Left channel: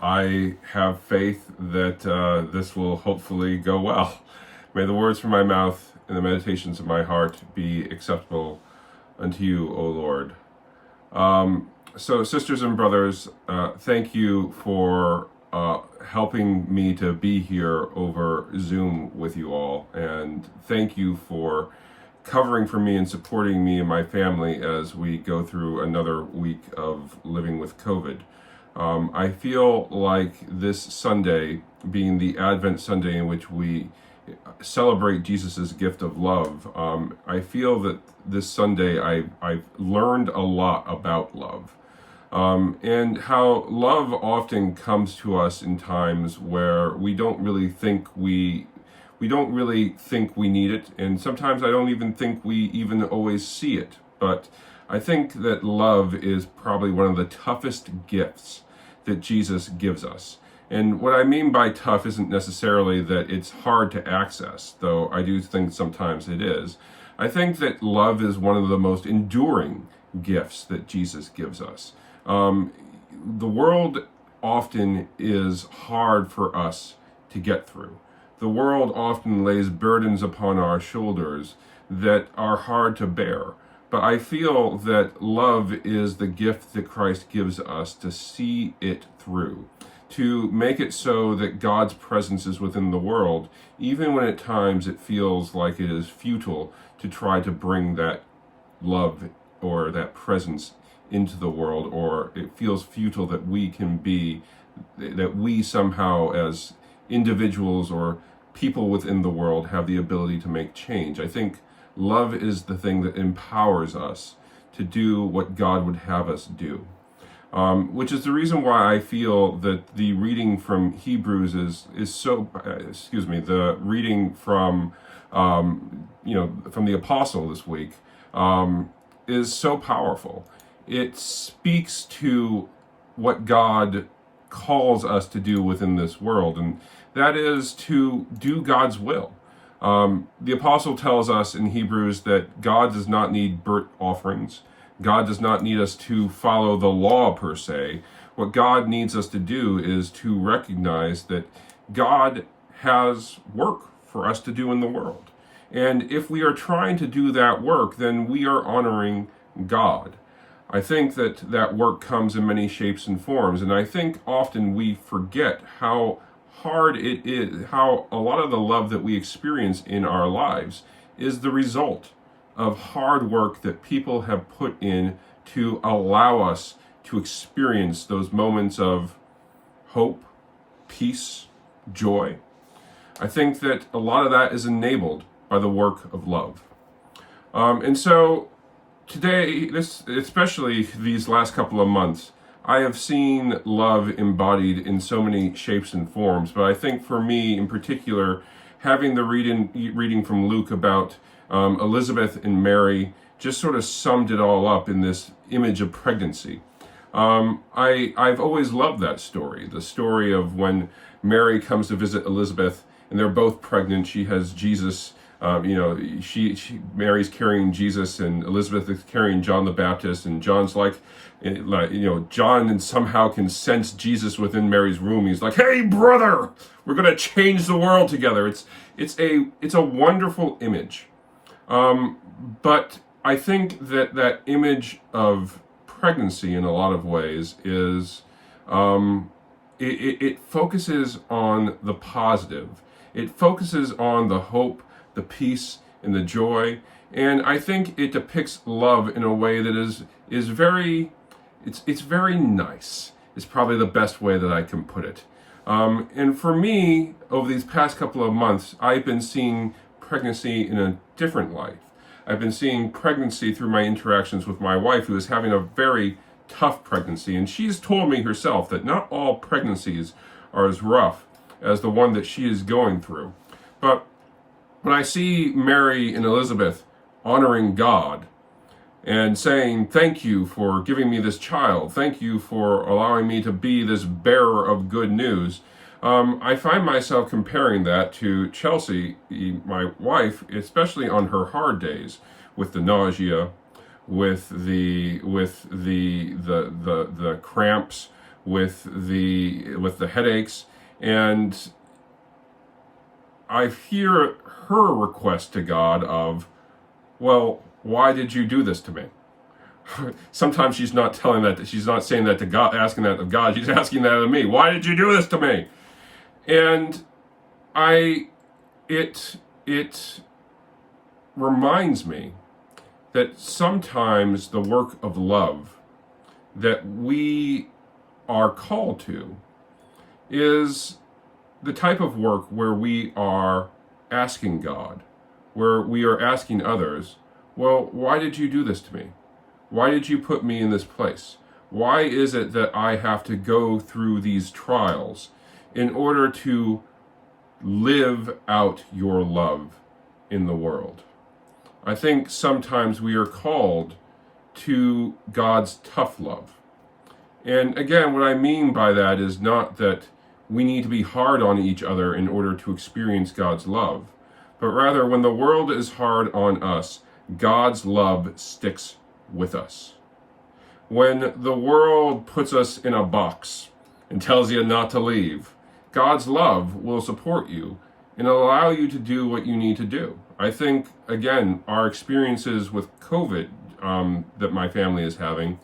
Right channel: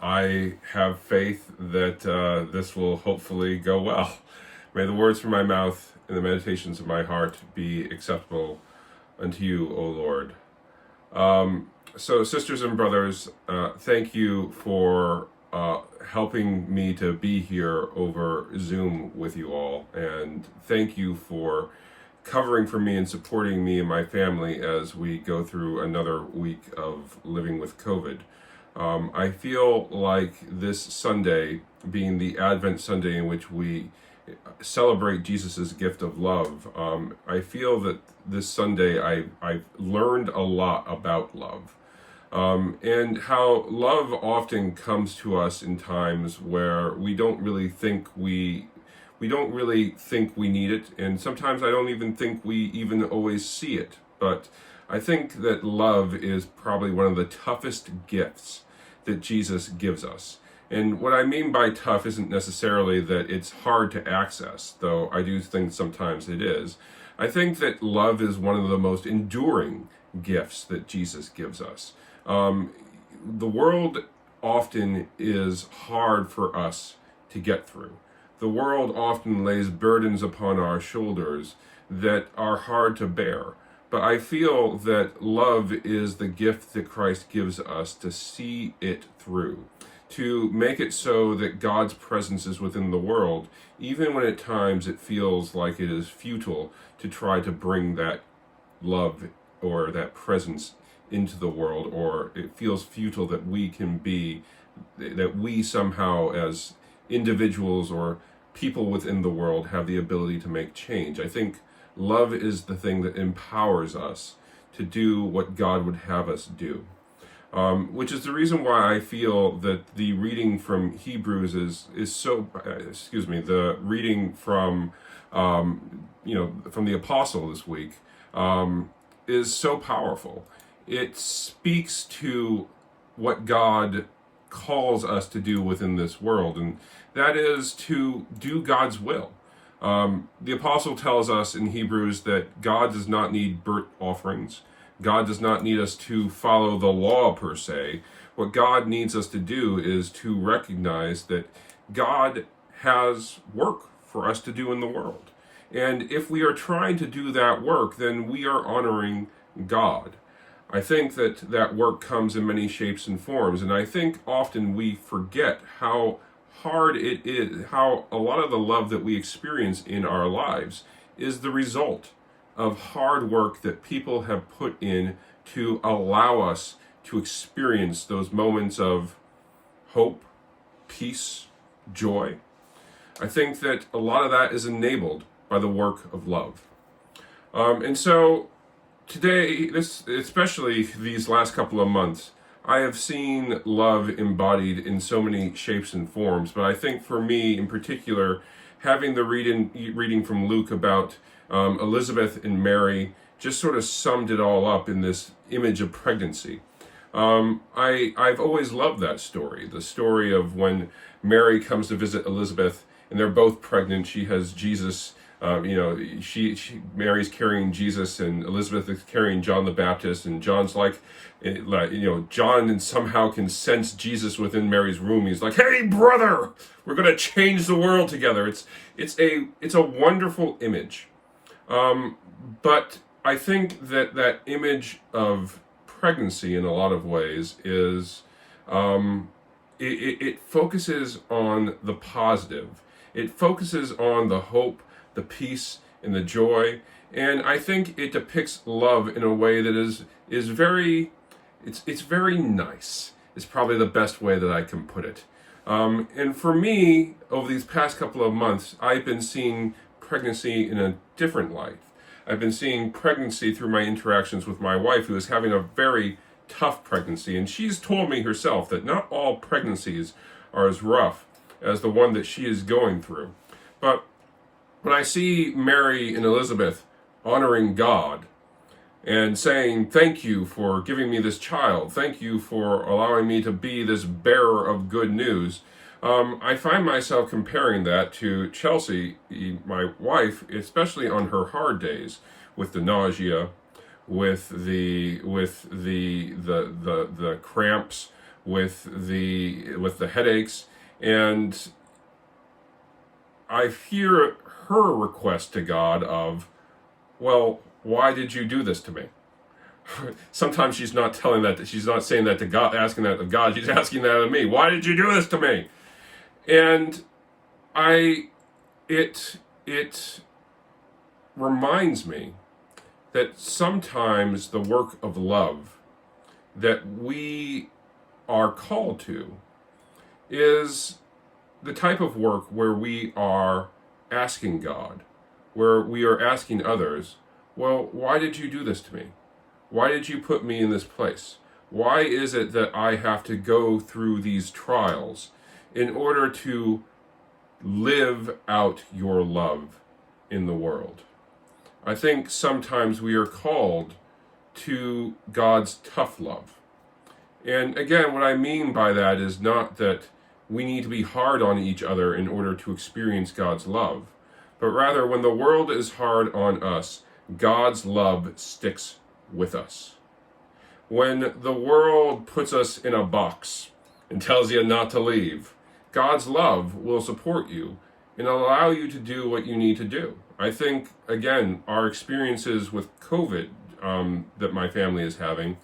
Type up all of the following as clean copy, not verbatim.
I have faith that this will hopefully go well. May the words from my mouth and the meditations of my heart be acceptable unto you, O Lord. So, sisters and brothers, thank you for helping me to be here over Zoom with you all. And thank you for covering for me and supporting me and my family as we go through another week of living with COVID. I feel like this Sunday, being the Advent Sunday in which we celebrate Jesus's gift of love, I feel that this Sunday I've learned a lot about love. And how love often comes to us in times where we don't really think we need it, and sometimes I don't even think we even always see it. But I think that love is probably one of the toughest gifts that Jesus gives us. And what I mean by tough isn't necessarily that it's hard to access, though I do think sometimes it is. I think that love is one of the most enduring gifts that Jesus gives us. The world often is hard for us to get through. The world often lays burdens upon our shoulders that are hard to bear. But I feel that love is the gift that Christ gives us to see it through, to make it so that God's presence is within the world, even when at times it feels like it is futile to try to bring that love or that presence into the world, or it feels futile that we somehow as individuals or people within the world have the ability to make change. I think love is the thing that empowers us to do what God would have us do. Which is the reason why I feel that the reading from Hebrews is so, the reading from, from the apostle this week is so powerful. It speaks to what God calls us to do within this world, and that is to do God's will. The apostle tells us in Hebrews that God does not need burnt offerings. God does not need us to follow the law per se. What God needs us to do is to recognize that God has work for us to do in the world. And if we are trying to do that work, then we are honoring God. I think that work comes in many shapes and forms, and I think often we forget how hard it is, how a lot of the love that we experience in our lives is the result of hard work that people have put in to allow us to experience those moments of hope, peace, joy. I think that a lot of that is enabled by the work of love. And so today, especially these last couple of months, I have seen love embodied in so many shapes and forms, but I think for me in particular, having the reading from Luke about Elizabeth and Mary just sort of summed it all up in this image of pregnancy. I've always loved that story, the story of when Mary comes to visit Elizabeth and they're both pregnant. She has Jesus. Mary's carrying Jesus and Elizabeth is carrying John the Baptist, and John's John somehow can sense Jesus within Mary's room. He's like, "Hey, brother, we're going to change the world together." It's a wonderful image. But I think that image of pregnancy in a lot of ways is, it focuses on the positive. It focuses on the hope, the peace, and the joy. And I think it depicts love in a way that is very, it's very nice. It's probably the best way that I can put it. And for me, over these past couple of months, I've been seeing pregnancy in a different light. I've been seeing pregnancy through my interactions with my wife, who is having a very tough pregnancy. And she's told me herself that not all pregnancies are as rough as the one that she is going through. But when I see Mary and Elizabeth honoring God and saying, "Thank you for giving me this child. Thank you for allowing me to be this bearer of good news," I find myself comparing that to Chelsea, my wife, especially on her hard days with the nausea, with the cramps, with the headaches, and I hear her request to God of, well, why did you do this to me? Sometimes she's not telling that, she's not saying that to God, asking that of God, she's asking that of me. Why did you do this to me? And it reminds me that sometimes the work of love that we are called to is the type of work where we are asking God, where we are asking others, well, why did you do this to me? Why did you put me in this place? Why is it that I have to go through these trials in order to live out your love in the world? I think sometimes we are called to God's tough love. And again, what I mean by that is not that we need to be hard on each other in order to experience God's love, but rather when the world is hard on us, God's love sticks with us. When the world puts us in a box and tells you not to leave, God's love will support you and allow you to do what you need to do. I think, again, our experiences with COVID that my family is having,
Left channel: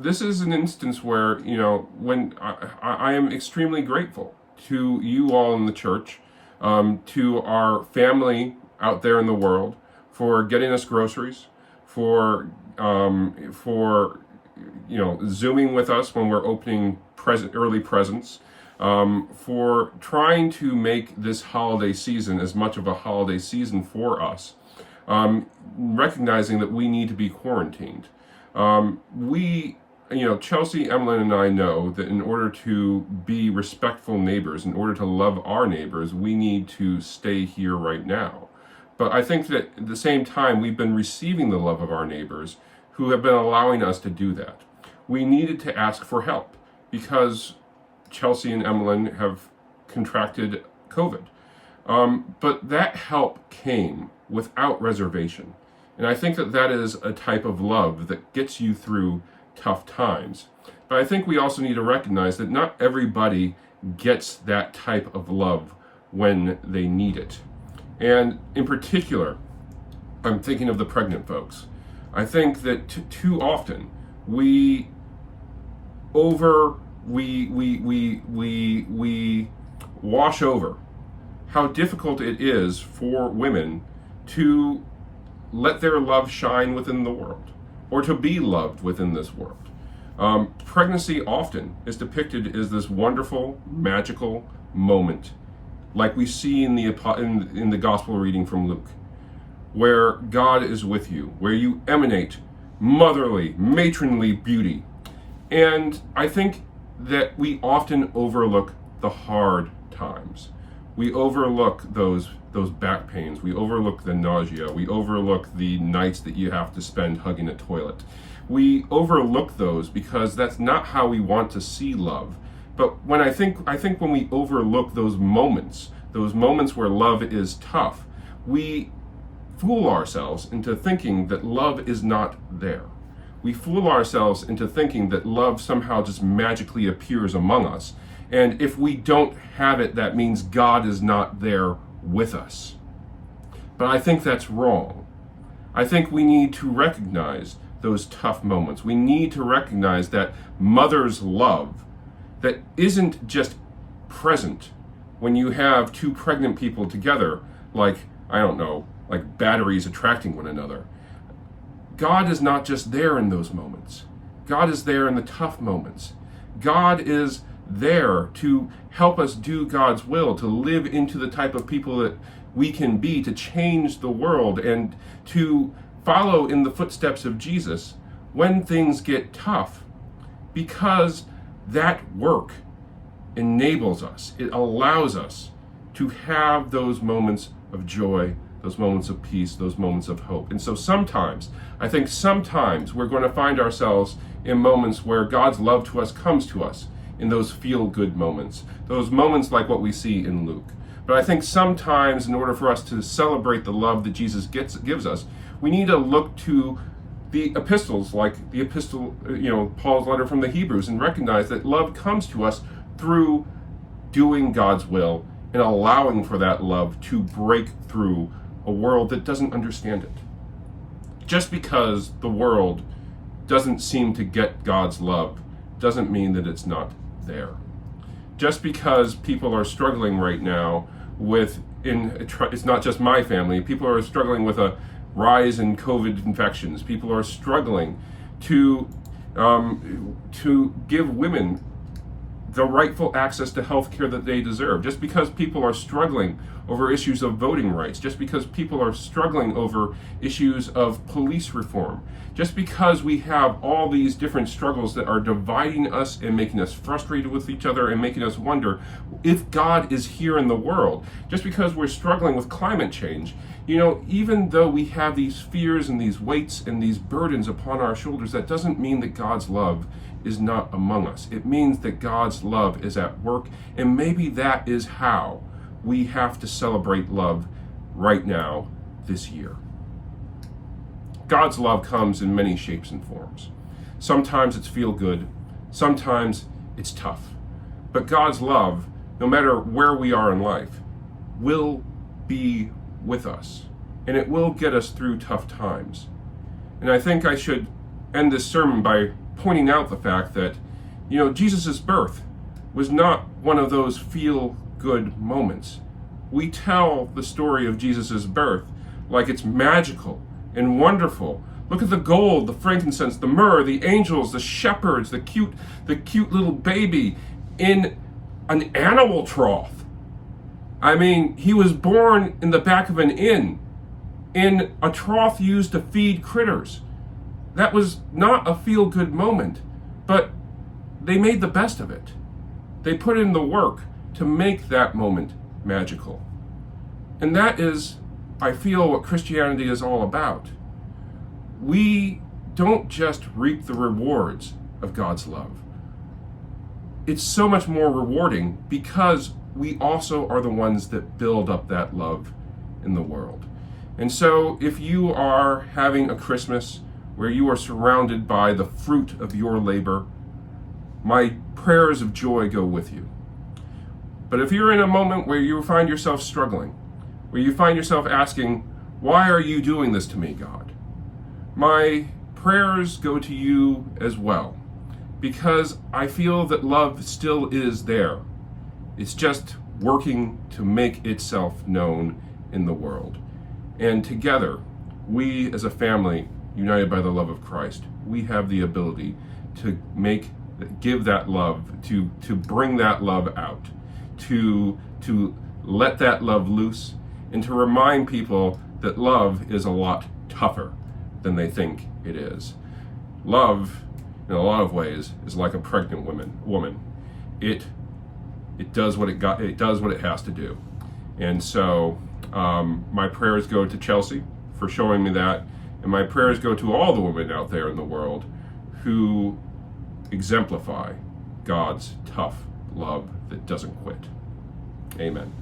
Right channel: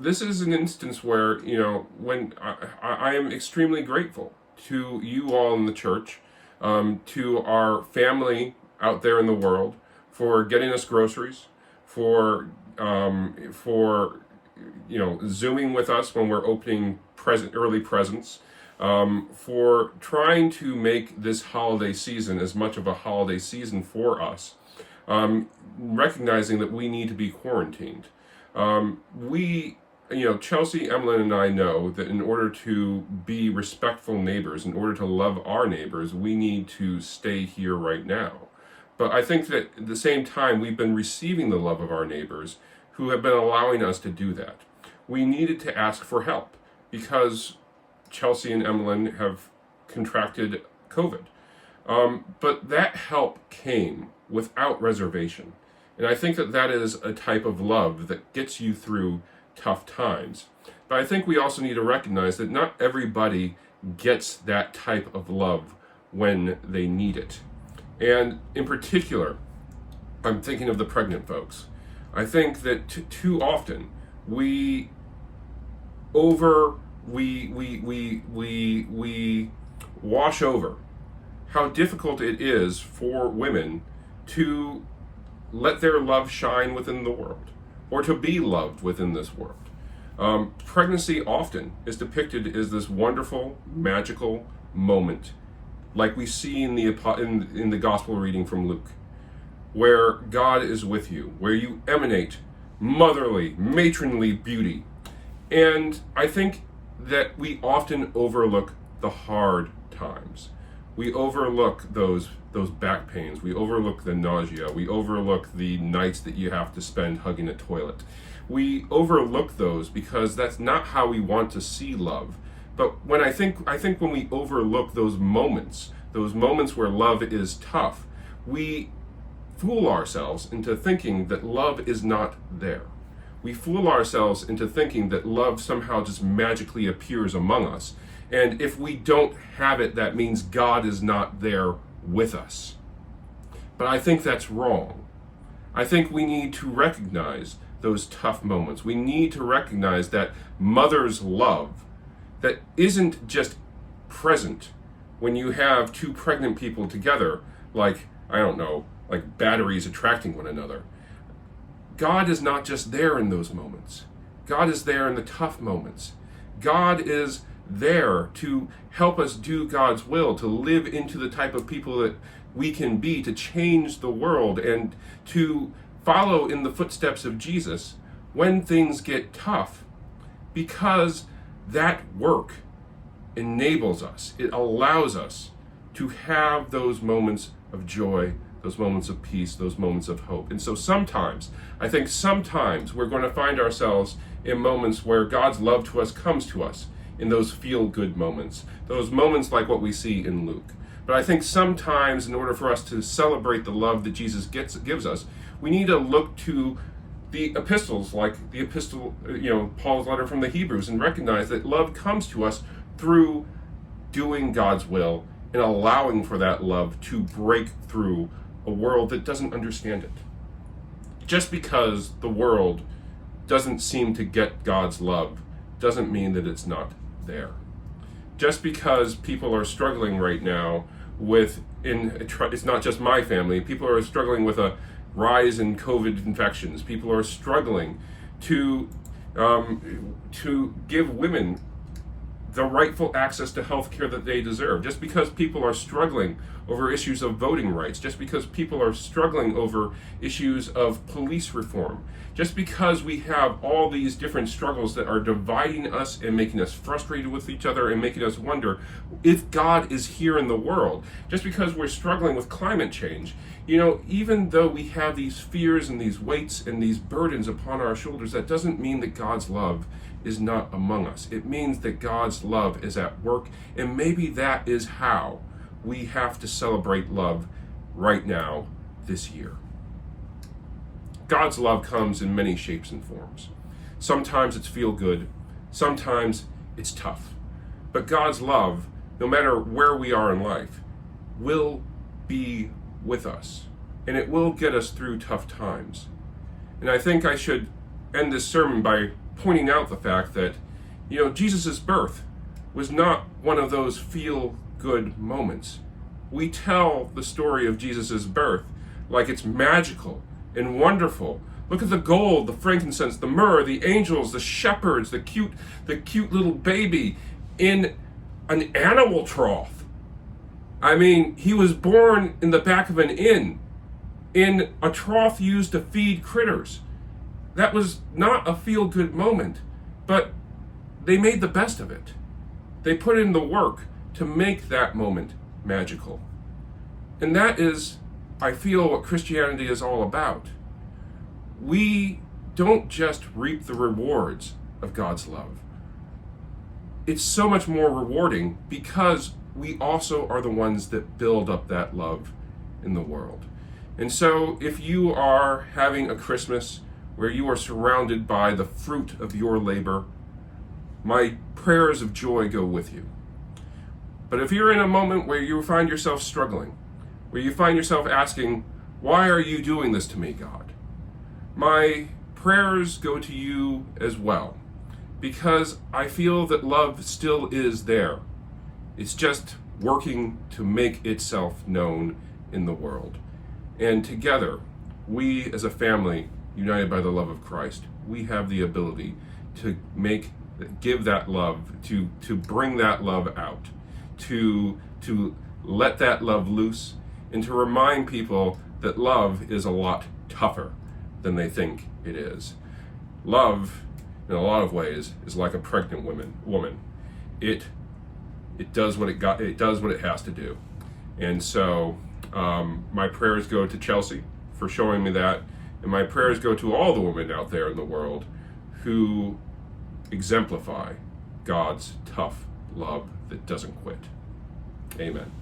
this is an instance where, when I am extremely grateful to you all in the church, to our family out there in the world for getting us groceries, for Zooming with us when we're opening early presents, for trying to make this holiday season as much of a holiday season for us, recognizing that we need to be quarantined. Chelsea, Emlyn, and I know that in order to be respectful neighbors, in order to love our neighbors, we need to stay here right now. But I think that at the same time, we've been receiving the love of our neighbors who have been allowing us to do that. We needed to ask for help because Chelsea and Emlyn have contracted COVID. But that help came without reservation. And I think that that is a type of love that gets you through tough times. But I think we also need to recognize that not everybody gets that type of love when they need it. And in particular, I'm thinking of the pregnant folks. I think that too often we wash over how difficult it is for women to let their love shine within the world, or to be loved within this world. Pregnancy often is depicted as this wonderful, magical moment, like we see in the gospel reading from Luke, where God is with you, where you emanate motherly, matronly beauty. And I think that we often overlook the hard times. We overlook those back pains. We overlook the nausea. We overlook the nights that you have to spend hugging a toilet. We overlook those because that's not how we want to see love. But when I think when we overlook those moments where love is tough, we fool ourselves into thinking that love is not there. We fool ourselves into thinking that love somehow just magically appears among us. And if we don't have it, that means God is not there with us. But I think that's wrong. I think we need to recognize those tough moments. We need to recognize that mother's love that isn't just present when you have two pregnant people together, like batteries attracting one another. God is not just there in those moments. God is there in the tough moments. God is there to help us do God's will, to live into the type of people that we can be, to change the world, and to follow in the footsteps of Jesus when things get tough, because that work enables us, it allows us to have those moments of joy, those moments of peace, those moments of hope. And so sometimes we're going to find ourselves in moments where God's love to us comes to us in those feel-good moments, those moments like what we see in Luke. But I think sometimes in order for us to celebrate the love that Jesus gives us, we need to look to the epistles, like the epistle, Paul's letter from the Hebrews, and recognize that love comes to us through doing God's will and allowing for that love to break through a world that doesn't understand it. Just because the world doesn't seem to get God's love doesn't mean that it's not there. Just because people are struggling right now it's not just my family, people are struggling with a rise in COVID infections. People are struggling to give women the rightful access to health care that they deserve. Just because people are struggling over issues of voting rights, just because people are struggling over issues of police reform, just because we have all these different struggles that are dividing us and making us frustrated with each other and making us wonder if God is here in the world, just because we're struggling with climate change, even though we have these fears and these weights and these burdens upon our shoulders, that doesn't mean that God's love is not among us. It means that God's love is at work, and maybe that is how we have to celebrate love right now this year. God's love comes in many shapes and forms. Sometimes it's feel good, sometimes it's tough. But God's love, no matter where we are in life, will be with us, and it will get us through tough times. And I think I should end this sermon by pointing out the fact that, Jesus' birth was not one of those feel-good moments. We tell the story of Jesus' birth like it's magical and wonderful. Look at the gold, the frankincense, the myrrh, the angels, the shepherds, the cute little baby in an animal trough. I mean, he was born in the back of an inn, in a trough used to feed critters. That was not a feel-good moment, but they made the best of it. They put in the work to make that moment magical. And that is, I feel, what Christianity is all about. We don't just reap the rewards of God's love. It's so much more rewarding because we also are the ones that build up that love in the world. And so if you are having a Christmas where you are surrounded by the fruit of your labor, my prayers of joy go with you. But if you're in a moment where you find yourself struggling, where you find yourself asking, why are you doing this to me, God? My prayers go to you as well, because I feel that love still is there. It's just working to make itself known in the world. And together, we as a family, united by the love of Christ, we have the ability to give that love, to bring that love out, to let that love loose, and to remind people that love is a lot tougher than they think it is. Love, in a lot of ways, is like a pregnant woman. It does what it does what it has to do. And so my prayers go to Chelsea for showing me that, and my prayers go to all the women out there in the world who exemplify God's tough love that doesn't quit. Amen.